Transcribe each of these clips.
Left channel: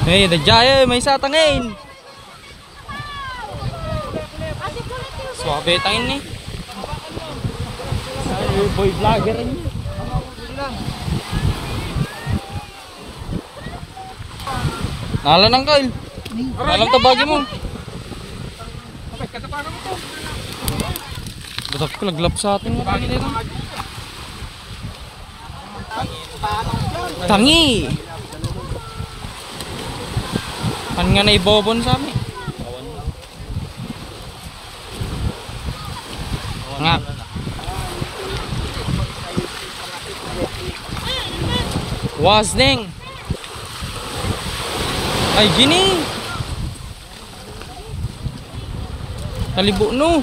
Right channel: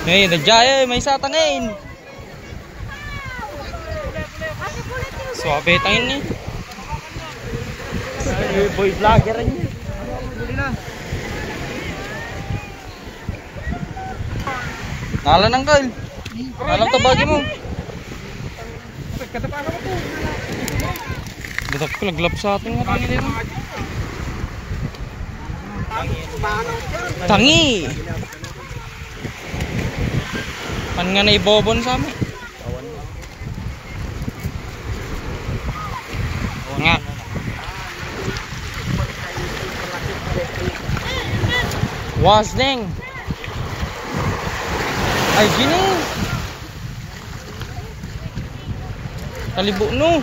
Hey, nagjayo, may satangin. Swabe tangin ni. Ay, boy vlogger rin. Nala nang kail. Nalang tabagi mo. Batak ko laglap sa atin. Tangi. Pan nga na ibobon sa amin. Nga. Wasning. Ay gini. Talibo no.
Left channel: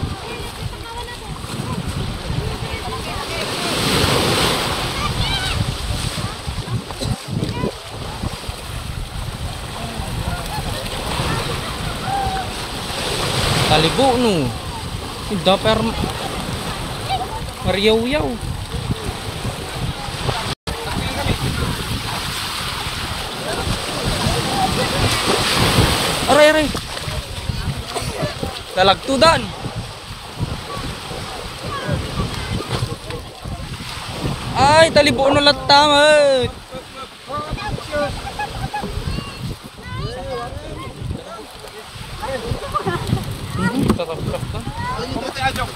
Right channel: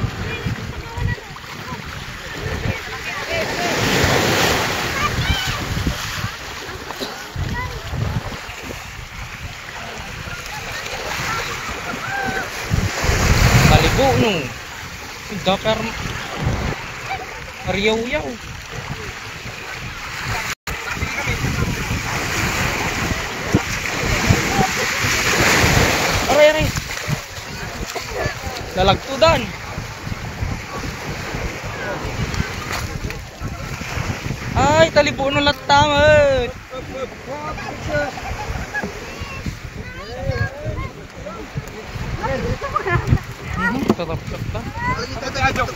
Talibo no. Udah per riyaw-yaw. Aray. Lalagtudan. Ay, talibo no latamak. Tatap-tap.